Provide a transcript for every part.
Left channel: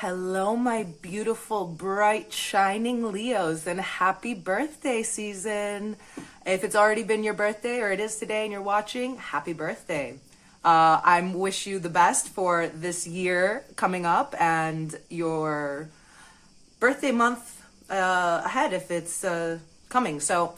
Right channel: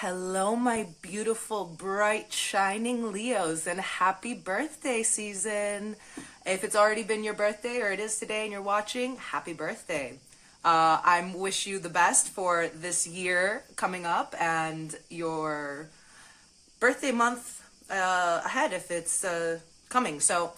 Hello, my beautiful, bright, shining Leos, and happy birthday season. If it's already been your birthday or it is today and you're watching, happy birthday. I wish you the best for this year coming up and your birthday month ahead if it's coming. So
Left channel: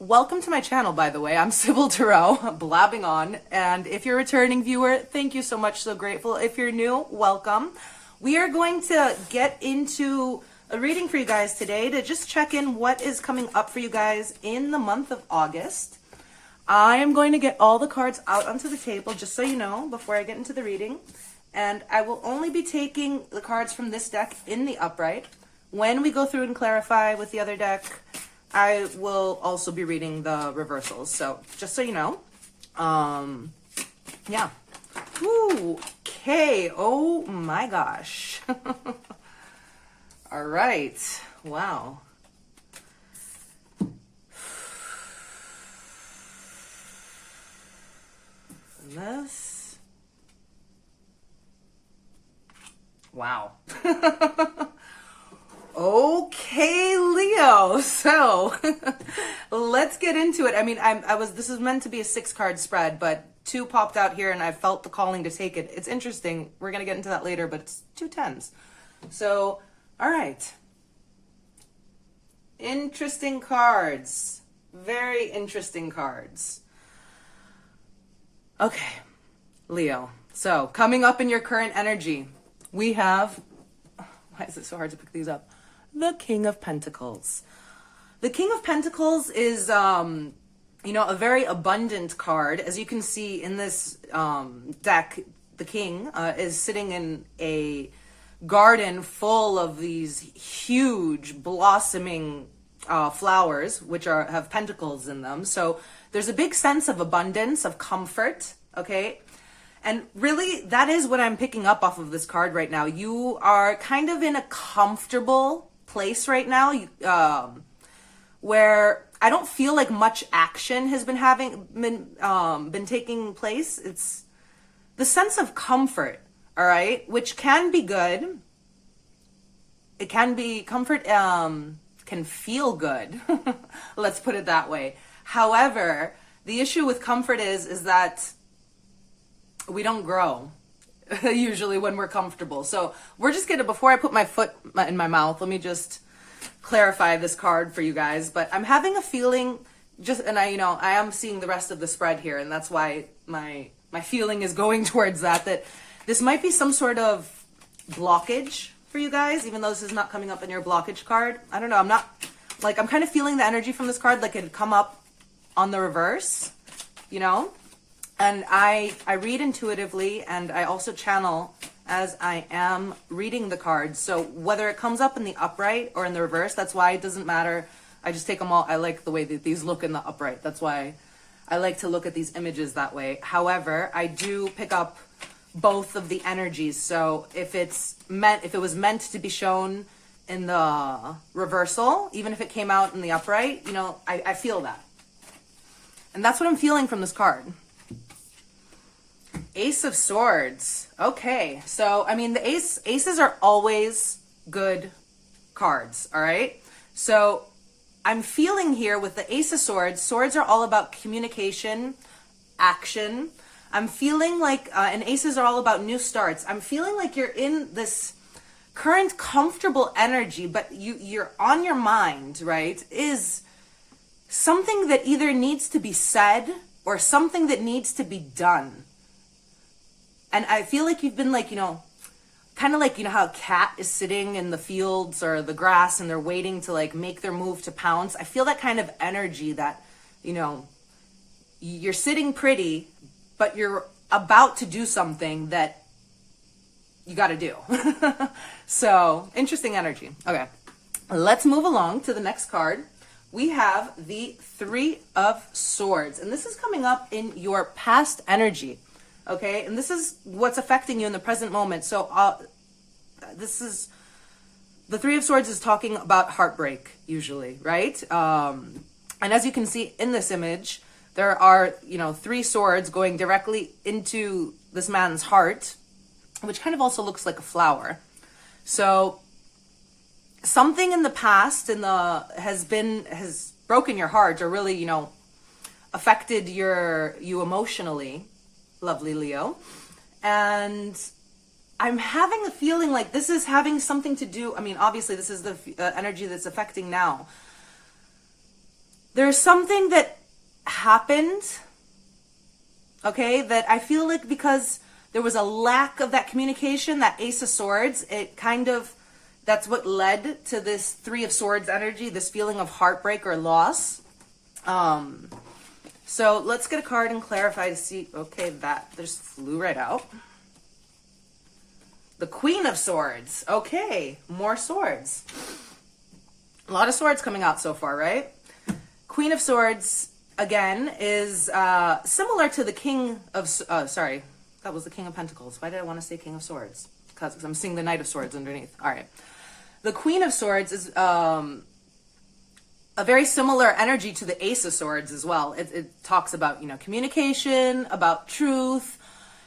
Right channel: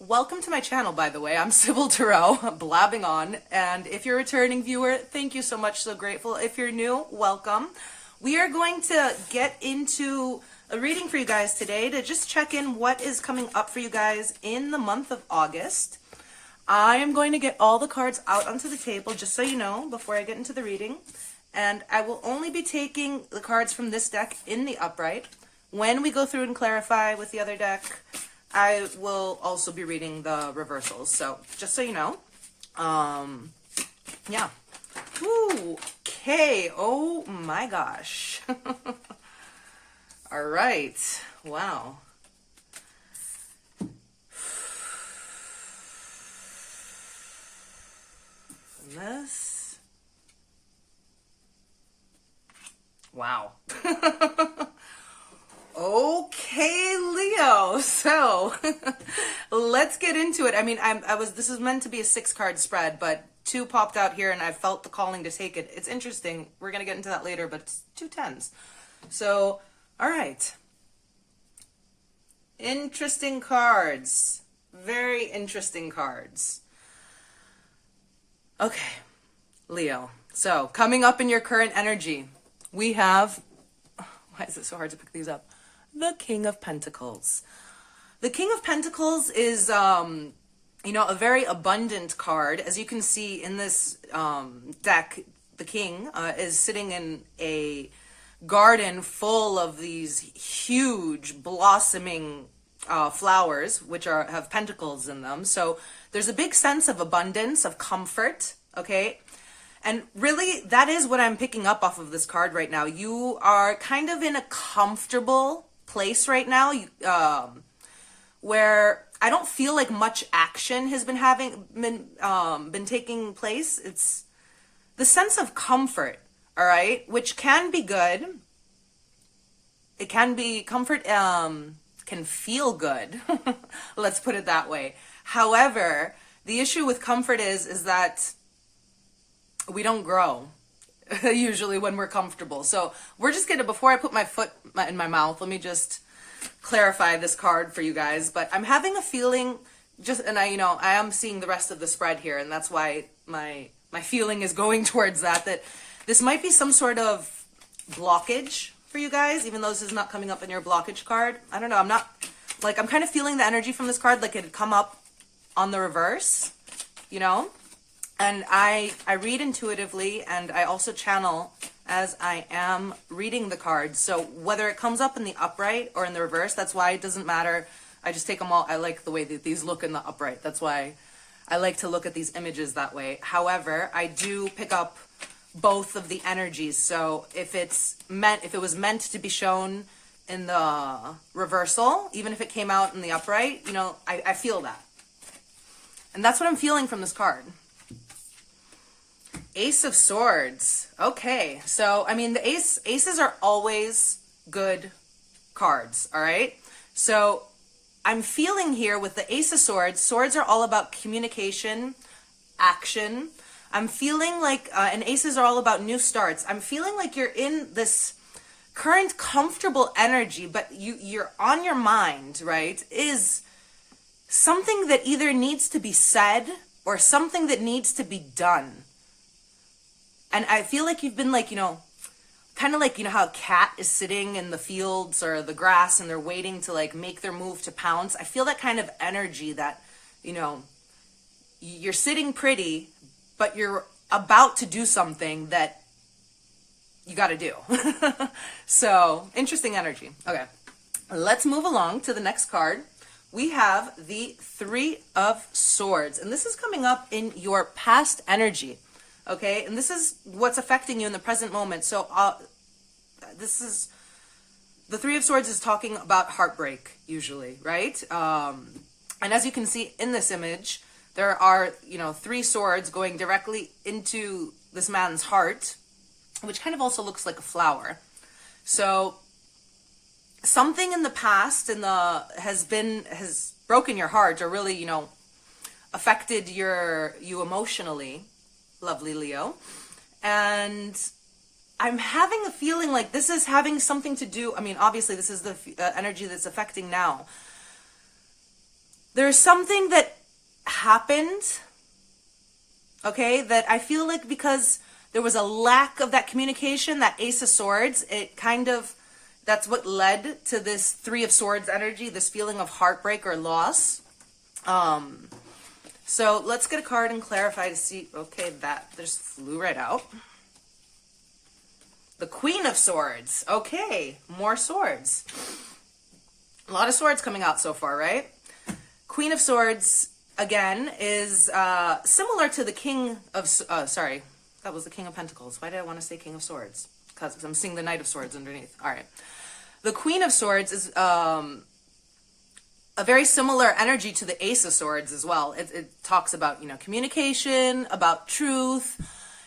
welcome to my channel, by the way. I'm Sybil Tarot, blabbing on. And if you're a returning viewer, thank you so much. So grateful. If you're new, welcome. We are going to get into a reading for you guys today to just check in what is coming up for you guys in the month of August. I am going to get all the cards out onto the table, just so you know, before I get into the reading. And I will only be taking the cards from this deck in the upright. When we go through and clarify with the other deck, I will also be reading the reversals. So just so you know, yeah. Ooh, okay. Oh my gosh. All right. Wow. This. Wow. Okay, Leo. So let's get into it. I mean, this is meant to be a 6-card spread, but 2 popped out here and I felt the calling to take it. It's interesting. We're going to get into that later, but it's 2 10s. So, all right. Interesting cards. Very interesting cards. Okay, Leo. So, coming up in your current energy, we have, why is it so hard to pick these up? The King of Pentacles. The King of Pentacles is, a very abundant card. As you can see in this deck, the King is sitting in a garden full of these huge blossoming flowers, which have pentacles in them. So there's a big sense of abundance, of comfort, okay? And really, that is what I'm picking up off of this card right now. You are kind of in a comfortable place right now, where I don't feel like much action has been taking place. It's the sense of comfort, all right, which can be good. It can be comfort, can feel good. Let's put it that way. However, the issue with comfort is that we don't grow usually when we're comfortable. So we're just gonna, before I put my foot in my mouth, let me just clarify this card for you guys. But I'm having a feeling, and I am seeing the rest of the spread here, and that's why my feeling is going towards that this might be some sort of blockage for you guys, even though this is not coming up in your blockage card. I don't know. I'm kind of feeling the energy from this card like it had come up on the reverse, and I read intuitively, and I also channel as I am reading the cards. So whether it comes up in the upright or in the reverse, that's why it doesn't matter. I just take them all. I like the way that these look in the upright. That's why I like to look at these images that way. However, I do pick up both of the energies. So if it was meant to be shown in the reversal, even if it came out in the upright, I feel that. And that's what I'm feeling from this card. Ace of Swords. Okay, so I mean the aces are always good cards, all right? So I'm feeling here with the Ace of Swords, swords are all about communication, action. I'm feeling like, and aces are all about new starts. I'm feeling like you're in this current comfortable energy, but you're on your mind, right, is something that either needs to be said or something that needs to be done. And I feel like you've been like, kind of like, how a cat is sitting in the fields or the grass and they're waiting to like make their move to pounce. I feel that kind of energy that, you're sitting pretty, but you're about to do something that you got to do. So interesting energy. Okay, let's move along to the next card. We have the 3 of Swords, and this is coming up in your past energy. Okay, and this is what's affecting you in the present moment. So this is, the 3 of Swords is talking about heartbreak, usually, right? And as you can see in this image, there are, 3 swords going directly into this man's heart, which kind of also looks like a flower. So something in the past has broken your heart, or really, you know, affected you emotionally, lovely Leo. And I'm having a feeling like this is having something to do, I mean, obviously this is the energy that's affecting now. There's something that happened, okay, that I feel like because there was a lack of that communication, that Ace of Swords, it kind of, that's what led to this Three of Swords energy, this feeling of heartbreak or loss. So let's get a card and clarify to see, okay, that just flew right out. The Queen of Swords. Okay, more swords. A lot of swords coming out so far, right? Queen of Swords, again, is similar to the King of... sorry, that was the King of Pentacles. Why did I want to say King of Swords? Because I'm seeing the Knight of Swords underneath. All right. The Queen of Swords is a very similar energy to the Ace of Swords as well. It talks about, you know, communication, about truth.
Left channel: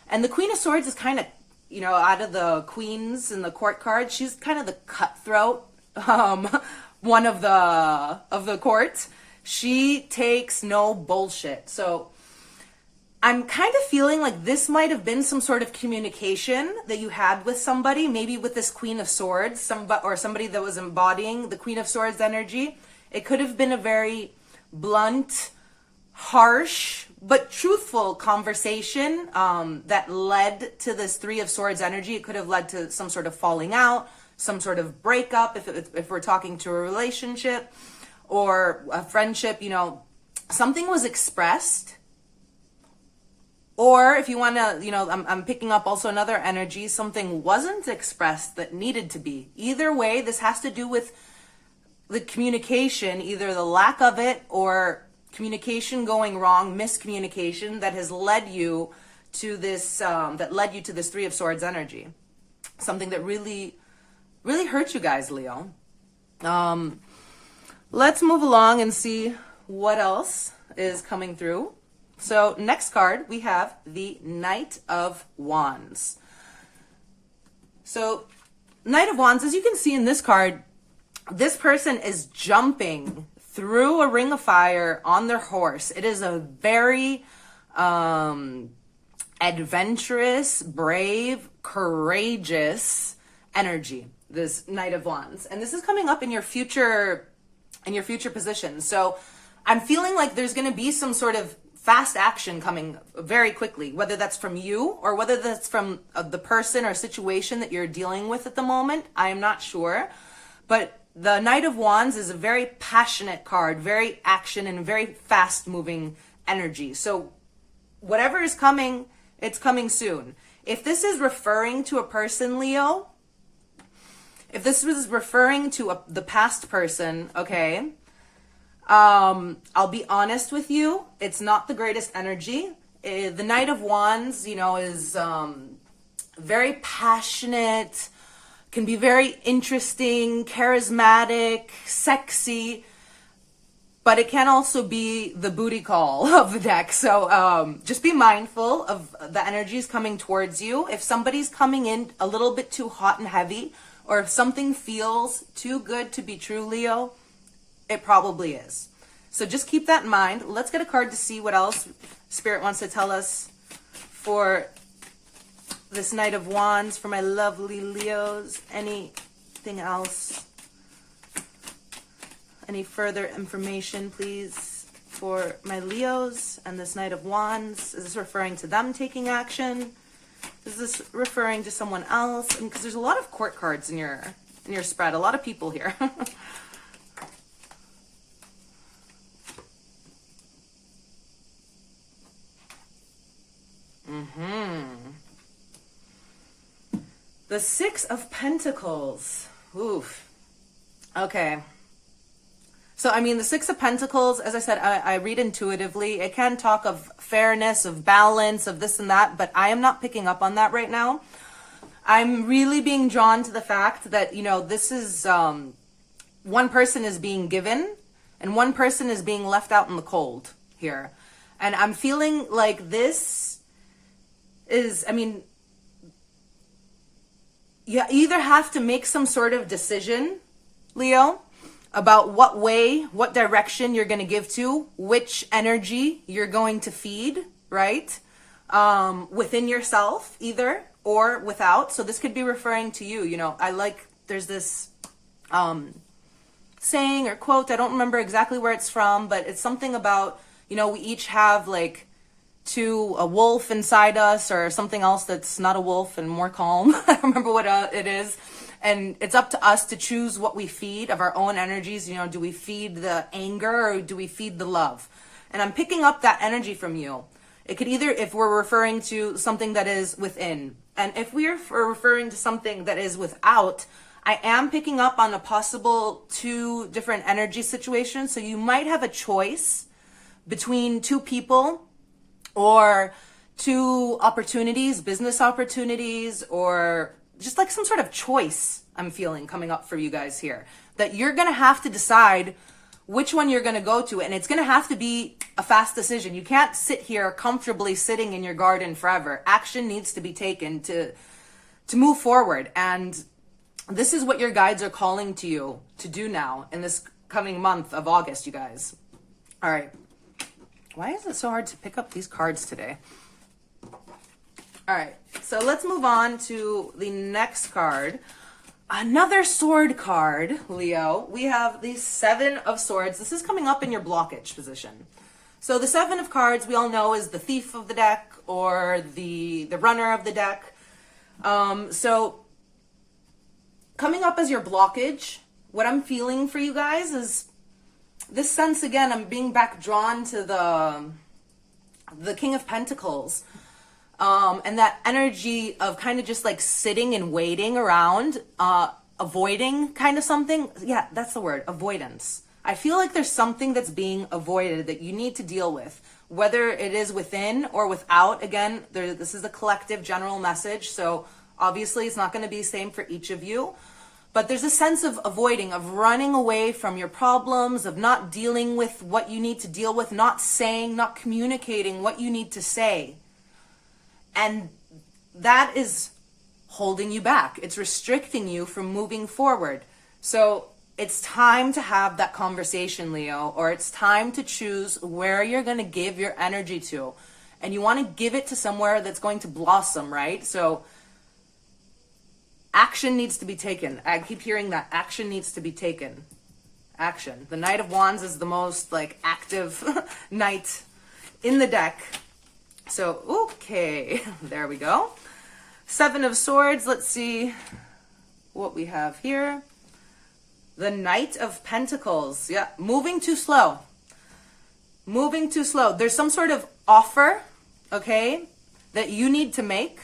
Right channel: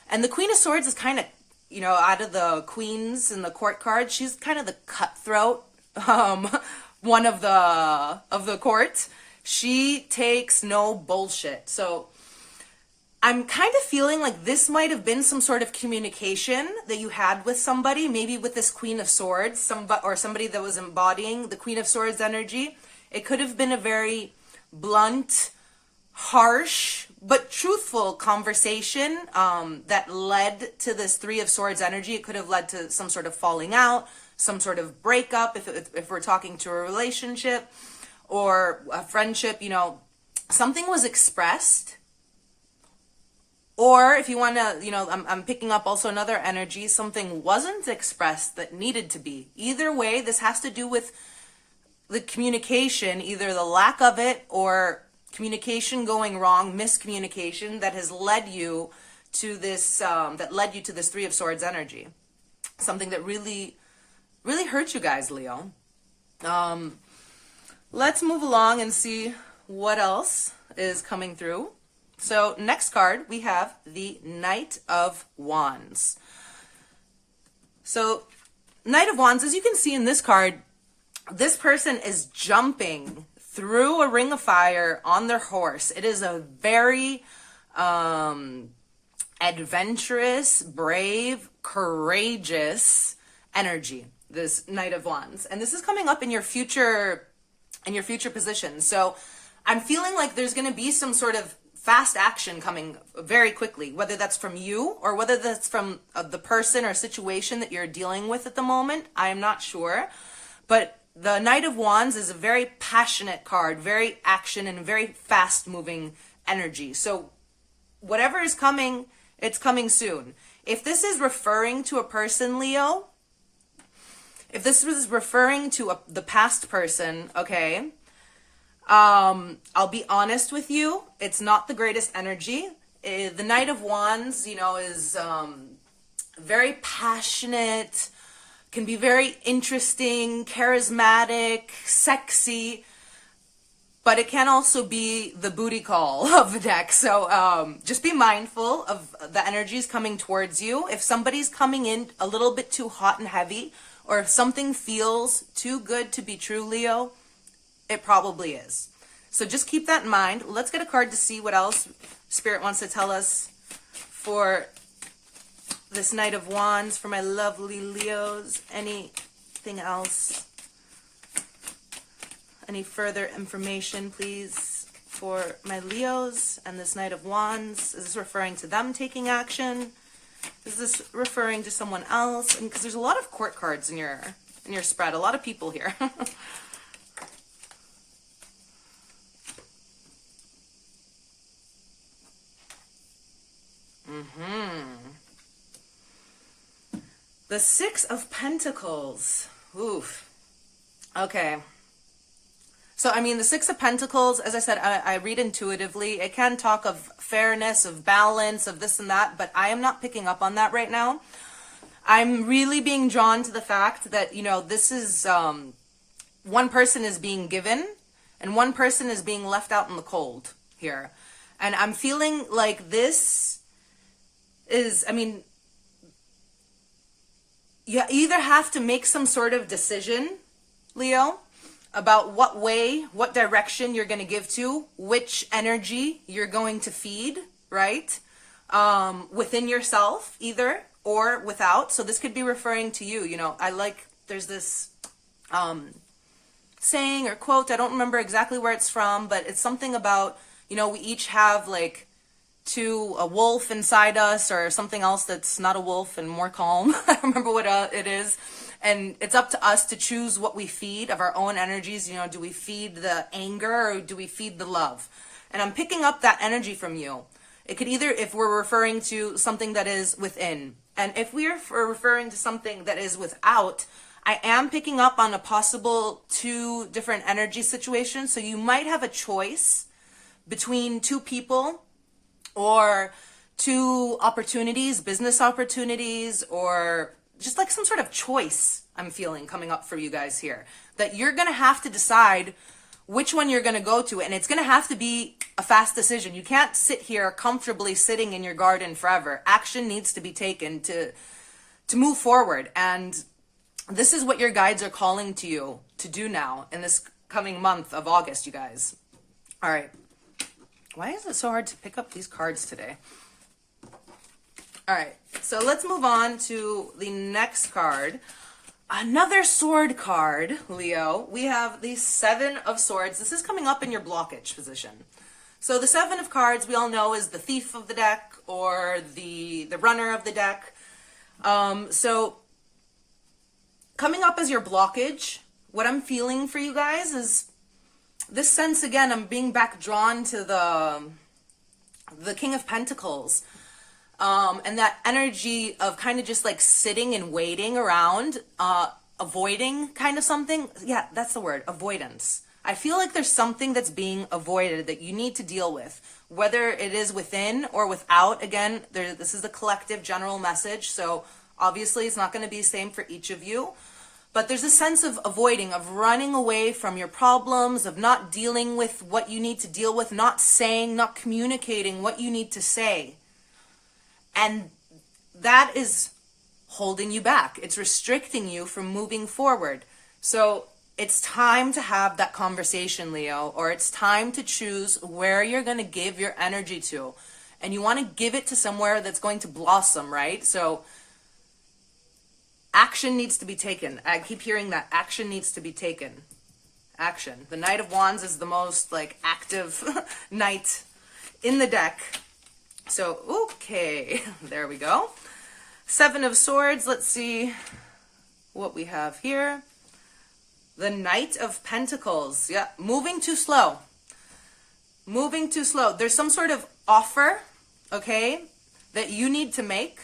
And the Queen of Swords is kind of, you know, out of the queens in the court card, she's kind of the cutthroat one of the court. She takes no bullshit. So I'm kind of feeling like this might have been some sort of communication that you had with somebody, maybe with this Queen of Swords, somebody that was embodying the Queen of Swords energy. It could have been a very blunt, harsh, but truthful conversation that led to this Three of Swords energy. It could have led to some sort of falling out, some sort of breakup, if we're talking to a relationship or a friendship, you know, something was expressed. Or if you want to, you know, I'm picking up also another energy, something wasn't expressed that needed to be. Either way, this has to do with the communication, either the lack of it or communication going wrong, miscommunication that has led you to this, Three of Swords energy. Something that really, really hurt you guys, Leo. Let's move along and see what else is coming through. So next card, we have the Knight of Wands. So Knight of Wands, as you can see in this card, this person is jumping through a ring of fire on their horse. It is a very adventurous, brave, courageous energy, this Knight of Wands. And this is coming up in your future position. So I'm feeling like there's going to be some sort of fast action coming very quickly, whether that's from you or whether that's from the person or situation that you're dealing with at the moment. I am not sure. But the Knight of Wands is a very passionate card, very action and very fast moving energy. So whatever is coming, it's coming soon. If this is referring to a person, Leo, if this was referring to the past person, okay, I'll be honest with you, it's not the greatest energy. The Knight of Wands, you know, is very passionate, can be very interesting, charismatic, sexy, but it can also be the booty call of the deck. So just be mindful of the energies coming towards you. If somebody's coming in a little bit too hot and heavy, or if something feels too good to be true, Leo, it probably is. So just keep that in mind. Let's get a card to see what else Spirit wants to tell us for this Knight of Wands, for my lovely Leos. Anything else? Any further information, please, for my Leos and this Knight of Wands? Is this referring to them taking action? Is this referring to someone else? And because there's a lot of court cards in your spread, a lot of people here. The Six of Pentacles. Oof. Okay. So, I mean, the Six of Pentacles, as I said, I read intuitively. It can talk of fairness, of balance, of this and that, but I am not picking up on that right now. I'm really being drawn to the fact that, you know, this is, one person is being given and one person is being left out in the cold here. And I'm feeling like this is, I mean, you either have to make some sort of decision, Leo, about what direction you're going to give to, which energy you're going to feed, right? Within yourself, either or without. So this could be referring to you. There's this saying or quote, I don't remember exactly where it's from, but it's something about, we each have like a wolf inside us, or something else that's not a wolf and more calm. I don't remember what it is. And it's up to us to choose what we feed of our own energies. Do we feed the anger or do we feed the love? And I'm picking up that energy from you. It could either, if we're referring to something that is within, and if we're referring to something that is without, I am picking up on a possible 2 different energy situations. So you might have a choice between 2 people, or 2 opportunities, business opportunities, or just like some sort of choice I'm feeling coming up for you guys here, that you're going to have to decide which one you're going to go to. And it's going to have to be a fast decision. You can't sit here comfortably sitting in your garden forever. Action needs to be taken to move forward. And this is what your guides are calling to you to do now in this coming month of August, you guys. All right. Why is it so hard to pick up these cards today? All right, so let's move on to the next card. Another sword card, Leo. We have the 7 of Swords. This is coming up in your blockage position. So the 7 of cards, we all know, is the thief of the deck, or the runner of the deck. So coming up as your blockage, what I'm feeling for you guys is this sense, again, I'm being back drawn to the King of Pentacles. And that energy of kind of just like sitting and waiting around, avoiding kind of something. Yeah, that's the word, avoidance. I feel like there's something that's being avoided that you need to deal with, whether it is within or without. Again, this is a collective general message. So obviously it's not going to be the same for each of you. But there's a sense of avoiding, of running away from your problems, of not dealing with what you need to deal with, not saying, not communicating what you need to say. And that is holding you back. It's restricting you from moving forward. So it's time to have that conversation, Leo, or it's time to choose where you're going to give your energy to. And you want to give it to somewhere that's going to blossom, right? So action needs to be taken. I keep hearing that. Action needs to be taken. Action. The Knight of Wands is the most like active knight in the deck. So, okay, there we go. 7 of Swords. Let's see what we have here. The Knight of Pentacles. Yeah, moving too slow. Moving too slow. There's some sort of offer, okay, that you need to make.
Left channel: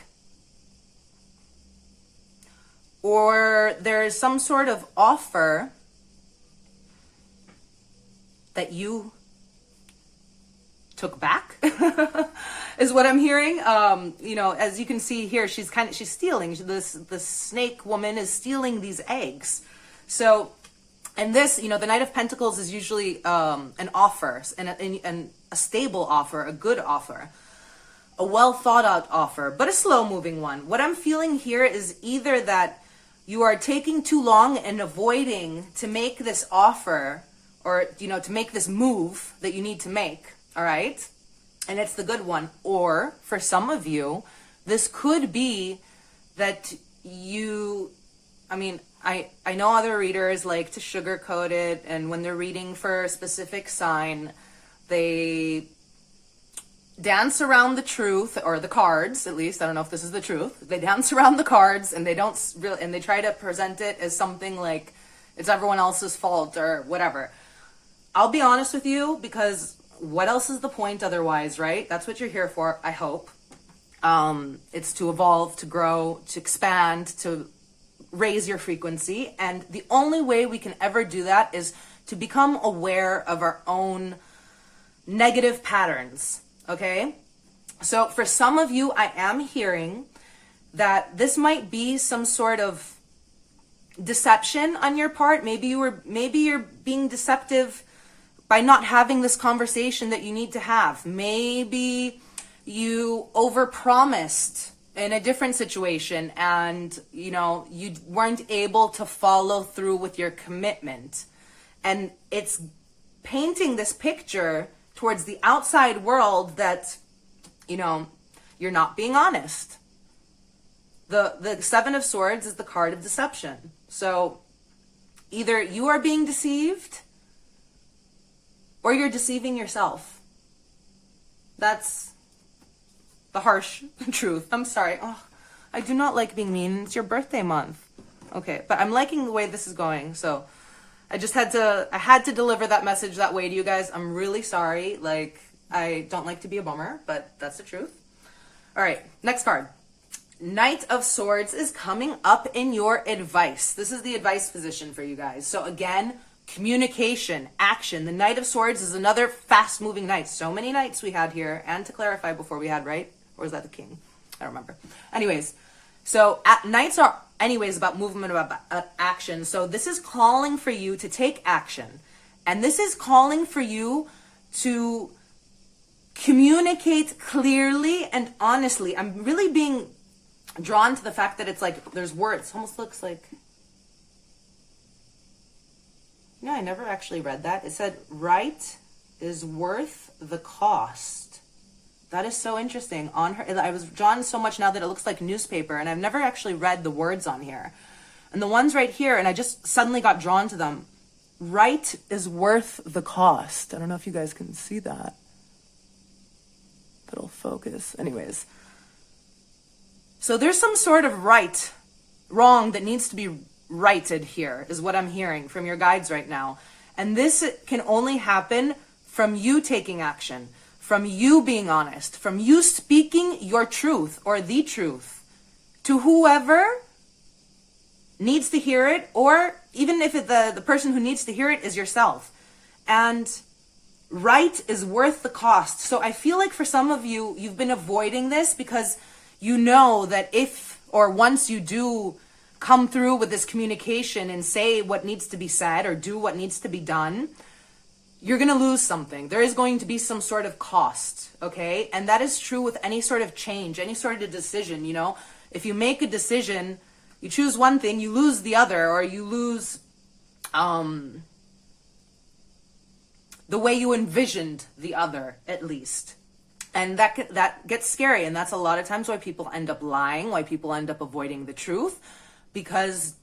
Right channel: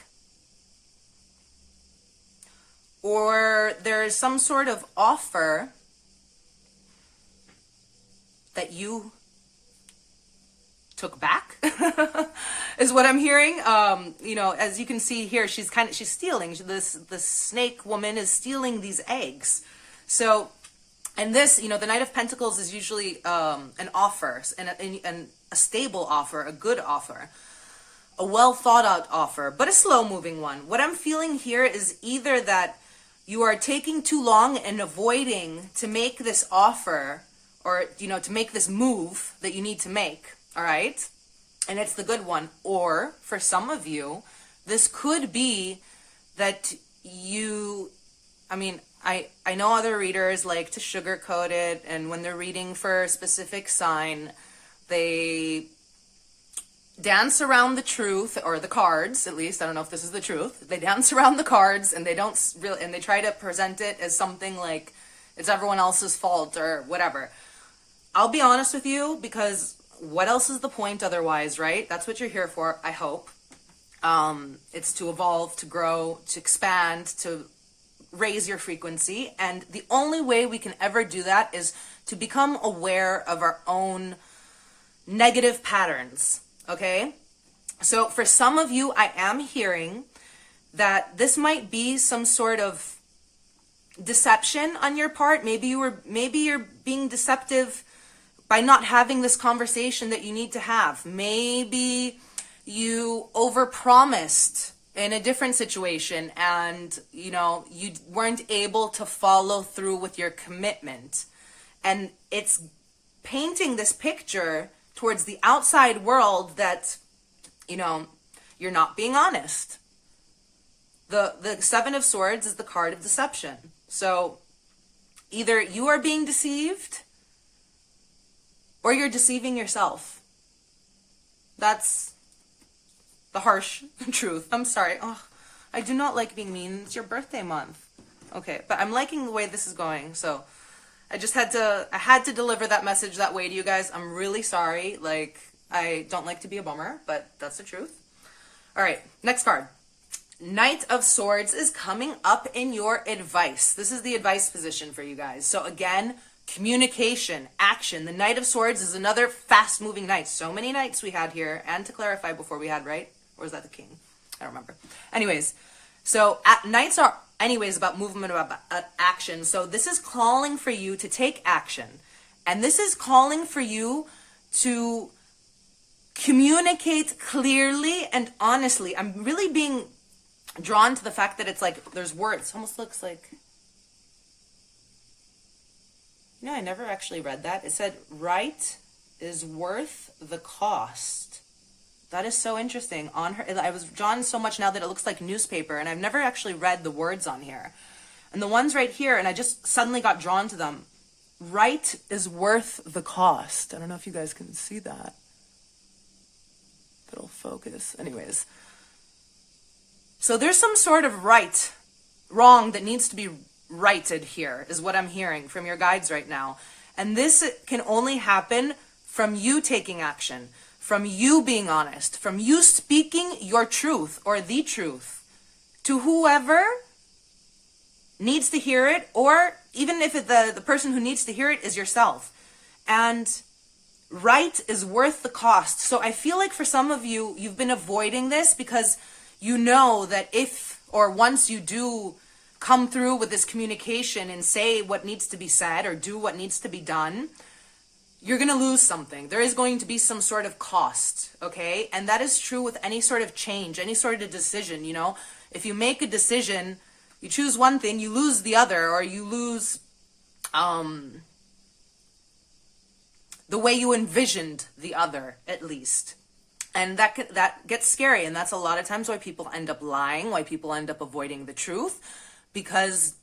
Or there's some sort of offer that you took back is what I'm hearing. As you can see here, she's stealing. This snake woman is stealing these eggs. So, and this, the Knight of Pentacles is usually an offer, and a stable offer, a good offer, a well thought out offer, but a slow moving one. What I'm feeling here is either that you are taking too long and avoiding to make this offer, or, to make this move that you need to make. All right. And it's the good one. Or for some of you, this could be that I know other readers like to sugarcoat it. And when they're reading for a specific sign, they dance around the truth, or the cards, at least. I don't know if this is the truth. They dance around the cards, and they don't really, and they try to present it as something like it's everyone else's fault or whatever. I'll be honest with you, because what else is the point otherwise, right? That's what you're here for, I hope. It's to evolve, to grow, to expand, to raise your frequency. And the only way we can ever do that is to become aware of our own negative patterns, okay? So for some of you, I am hearing that this might be some sort of deception on your part. Maybe you're being deceptive by not having this conversation that you need to have. Maybe you overpromised in a different situation and, you know, you weren't able to follow through with your commitment. And it's painting this picture towards the outside world that, you know, you're not being honest. The Seven of Swords is the card of deception. So either you are being deceived or you're deceiving yourself. That's the harsh truth. I'm sorry. Oh, I do not like being mean. It's your birthday month. Okay, but I'm liking the way this is going. So I had to deliver that message that way to you guys. I'm really sorry. Like, I don't like to be a bummer, but that's the truth. All right, next card. Knight of Swords is coming up in your advice. This is the advice position for you guys. So again, communication, action. The Knight of Swords is another fast-moving knight. So many knights we had here. And to clarify before we had, right? Or was that the king? I don't remember. Anyways, so knights are anyways about movement, about action. So this is calling for you to take action. And this is calling for you to communicate clearly and honestly. I'm really being drawn to the fact that it's like there's words. It almost looks like... Yeah, I never actually read that. It said, right is worth the cost. That is so interesting. On her, I was drawn so much now that it looks like newspaper, and I've never actually read the words on here. And the ones right here, and I just suddenly got drawn to them. Right is worth the cost. I don't know if you guys can see that. It'll focus. Anyways. So there's some sort of wrong that needs to be righted here, is what I'm hearing from your guides right now. And this can only happen from you taking action, from you being honest, from you speaking your truth or the truth to whoever needs to hear it, or even if the person who needs to hear it is yourself. And right is worth the cost. So I feel like for some of you, you've been avoiding this because you know that if or once you do come through with this communication and say what needs to be said or do what needs to be done, you're going to lose something. There is going to be some sort of cost, okay? And that is true with any sort of change, any sort of decision, you know? If you make a decision, you choose one thing, you lose the other, or you lose the way you envisioned the other, at least. And that gets scary, and that's a lot of times why people end up lying, why people end up avoiding the truth, because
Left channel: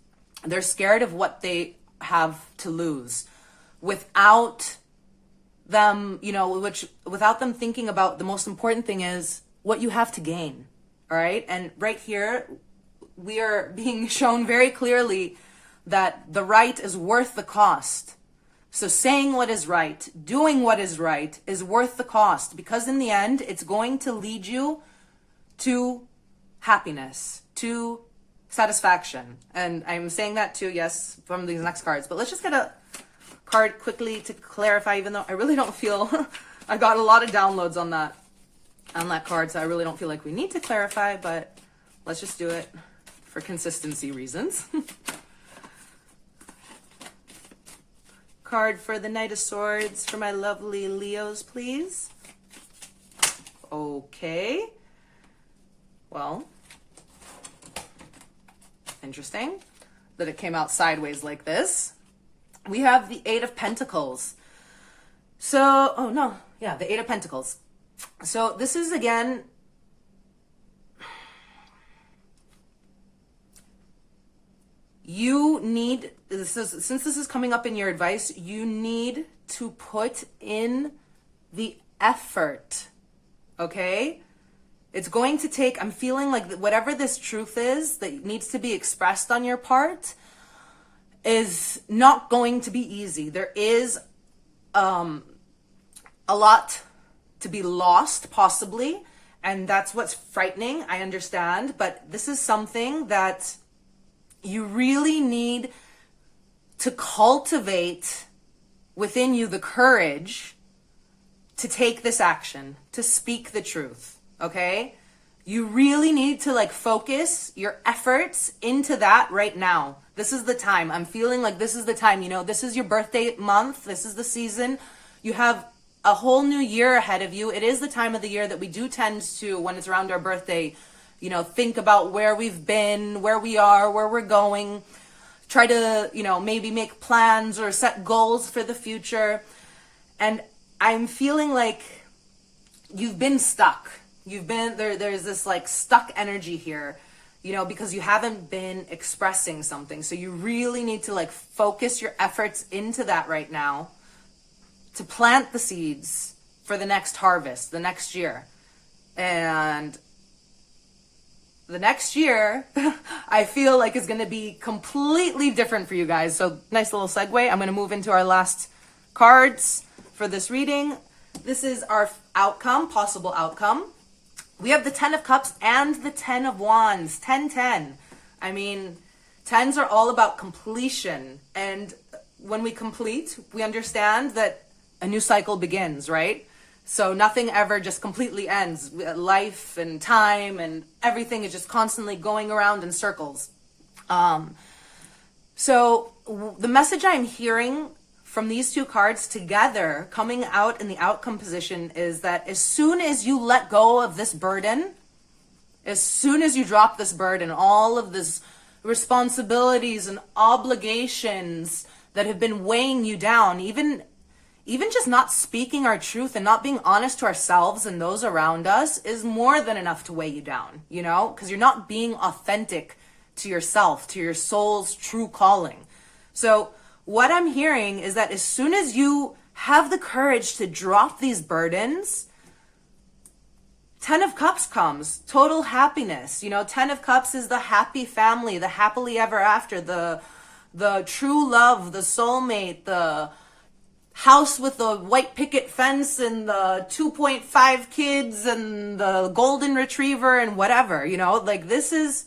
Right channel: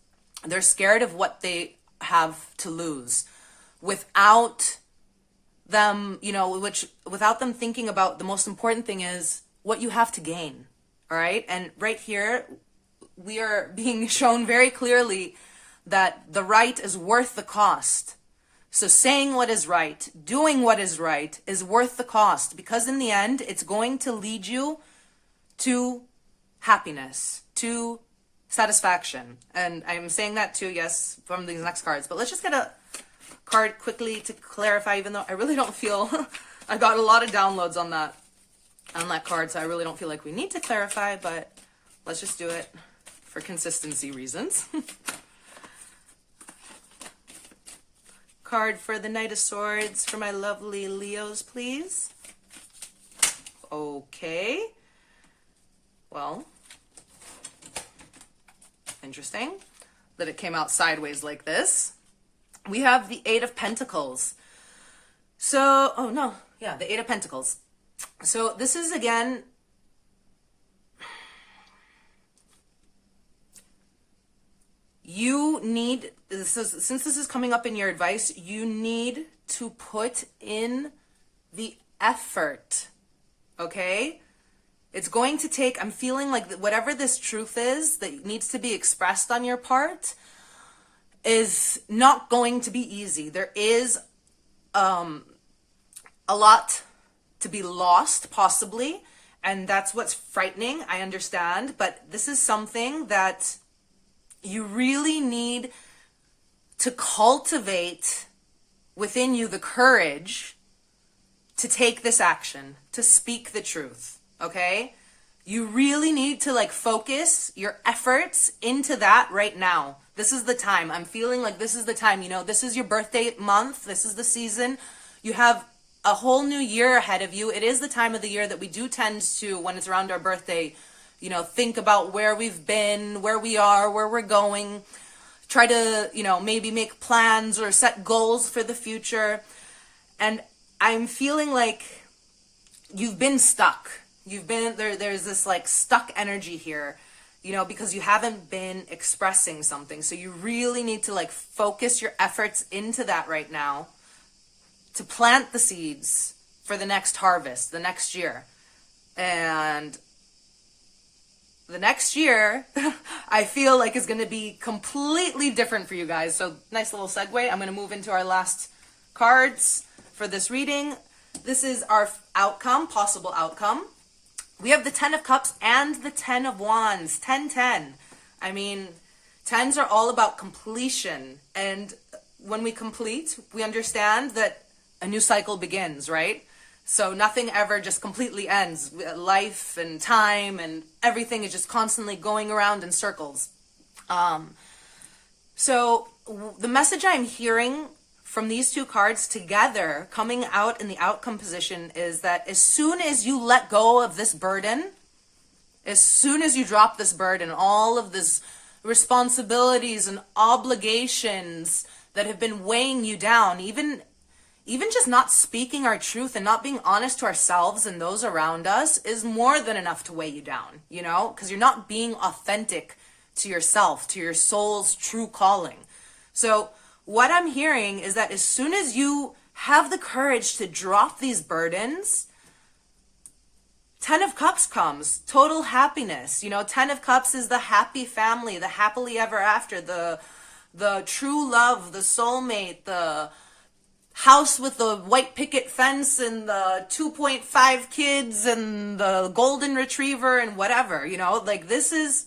they're scared of what they have to lose without them, you know, without them thinking about the most important thing is what you have to gain. All right. And right here, we are being shown very clearly that the right is worth the cost. So saying what is right, doing what is right is worth the cost, because in the end, it's going to lead you to happiness, to satisfaction. And I'm saying that too, yes, from these next cards. But let's just get a card quickly to clarify, even though I really don't feel... I got a lot of downloads on that card, so I really don't feel like we need to clarify, but let's just do it for consistency reasons. Card for the Knight of Swords for my lovely Leos, please. Okay. Well, interesting that it came out sideways like this. We have the Eight of Pentacles. So, oh no, yeah, the Eight of Pentacles. So this is, again, you need, since this is coming up in your advice, you need to put in the effort, okay? It's going to take, I'm feeling like whatever this truth is that needs to be expressed on your part is not going to be easy. There is a lot to be lost, possibly, and that's what's frightening, I understand, but this is something that you really need to cultivate within you the courage to take this action, to speak the truth, okay? You really need to like focus your efforts into that right now. This is the time. I'm feeling like this is the time, you know, this is your birthday month. This is the season. You have a whole new year ahead of you. It is the time of the year that we do tend to, when it's around our birthday, you know, think about where we've been, where we are, where we're going, try to, you know, maybe make plans or set goals for the future. And I'm feeling like you've been stuck. You've been there's this like stuck energy here, you know, because you haven't been expressing something. So you really need to like focus your efforts into that right now to plant the seeds for the next harvest, the next year. And the next year, I feel like is going to be completely different for you guys. So nice little segue. I'm going to move into our last cards for this reading. This is our outcome, possible outcome. We have the 10 of Cups and the 10 of Wands, 10-10. I mean, 10s are all about completion. And when we complete, we understand that a new cycle begins, right? So nothing ever just completely ends. Life and time and everything is just constantly going around in circles. So the message I'm hearing from these two cards together coming out in the outcome position is that as soon as you let go of this burden, as soon as you drop this burden, all of this responsibilities and obligations that have been weighing you down, even just not speaking our truth and not being honest to ourselves and those around us is more than enough to weigh you down, you know, because you're not being authentic to yourself, to your soul's true calling. So what I'm hearing is that as soon as you have the courage to drop these burdens, 10 of Cups comes, total happiness. You know, 10 of Cups is the happy family, the happily ever after, the true love, the soulmate, the house with the white picket fence and the 2.5 kids and the golden retriever and whatever, you know, like this is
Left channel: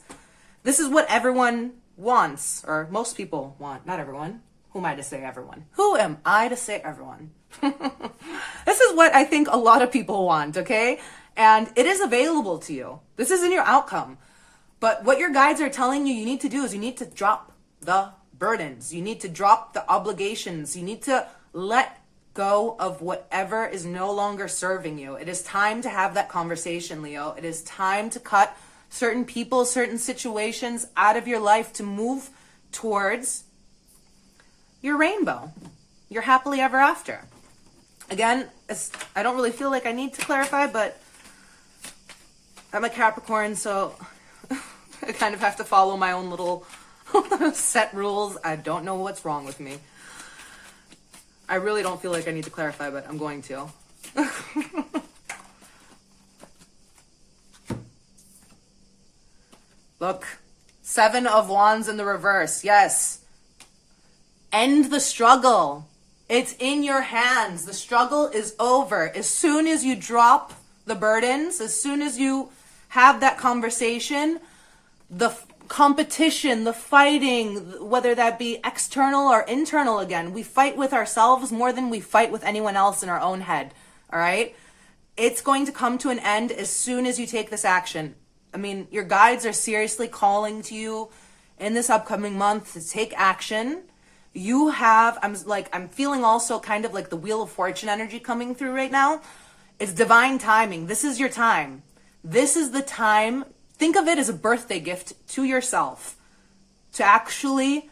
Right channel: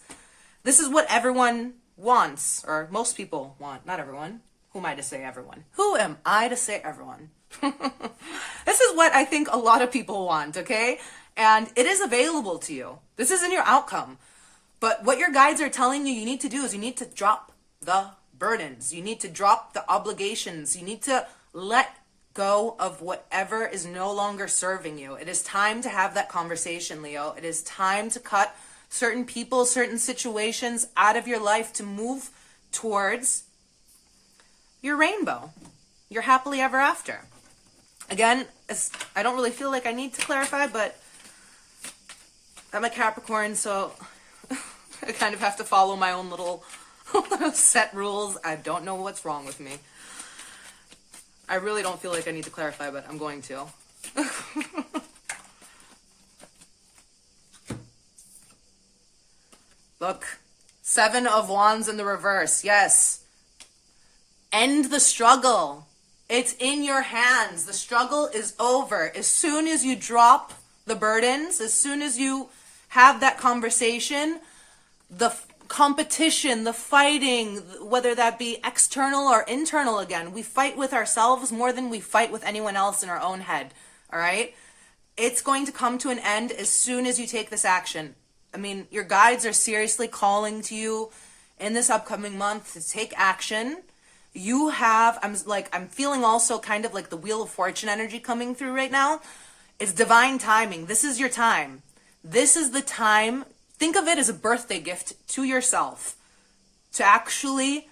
what everyone wants, or most people want, not everyone. Who am I to say everyone? Who am I to say everyone? This is what I think a lot of people want, okay? And it is available to you. This isn't your outcome. But what your guides are telling you you need to do is you need to drop the burdens. You need to drop the obligations. You need to let go of whatever is no longer serving you. It is time to have that conversation, Leo. It is time to cut certain people, certain situations out of your life to move towards your rainbow, your happily ever after. Again, I don't really feel like I need to clarify, but I'm a Capricorn, so I kind of have to follow my own little set rules. I don't know what's wrong with me. I really don't feel like I need to clarify, but I'm going to. Look, 7 of Wands in the reverse. Yes. End the struggle. It's in your hands. The struggle is over. As soon as you drop the burdens, as soon as you have that conversation, the competition, the fighting, whether that be external or internal again, we fight with ourselves more than we fight with anyone else in our own head. All right? It's going to come to an end as soon as you take this action. I mean, your guides are seriously calling to you in this upcoming month to take action. You have, I'm feeling also kind of like the Wheel of Fortune energy coming through right now. It's divine timing. This is your time. This is the time. Think of it as a birthday gift to yourself to actually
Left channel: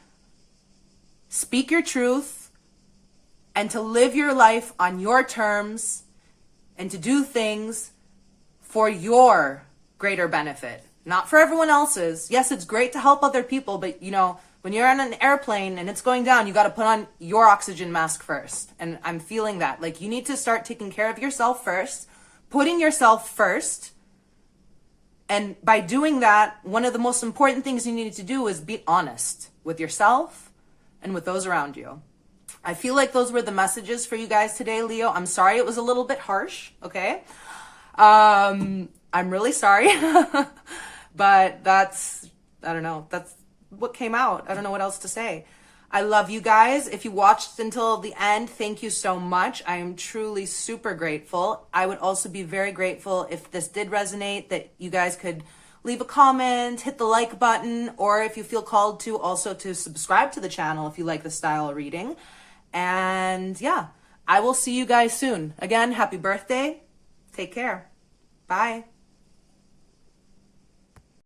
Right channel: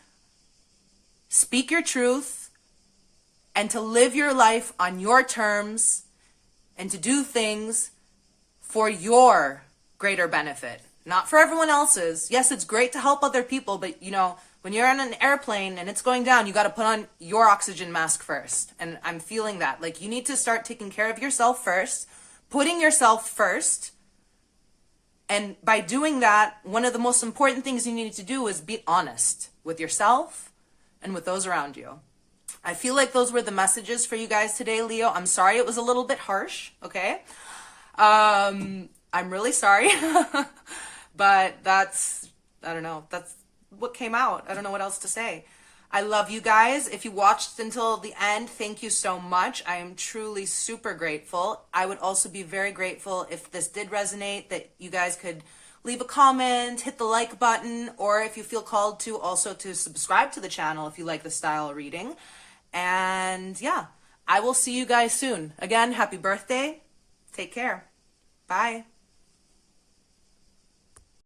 speak your truth and to live your life on your terms and to do things for your greater benefit, not for everyone else's. Yes, it's great to help other people, but you know, when you're on an airplane and it's going down, you got to put on your oxygen mask first. And I'm feeling that. Like, you need to start taking care of yourself first, putting yourself first. And by doing that, one of the most important things you need to do is be honest with yourself and with those around you. I feel like those were the messages for you guys today, Leo. I'm sorry it was a little bit harsh, okay? I'm really sorry. But that's, I don't know, that's what came out. I don't know what else to say. I love you guys. If you watched until the end, thank you so much. I am truly super grateful. I would also be very grateful if this did resonate, that you guys could leave a comment, hit the like button, or if you feel called to, also to subscribe to the channel if you like the style of reading. And yeah, I will see you guys soon. Again, happy birthday. Take care. Bye.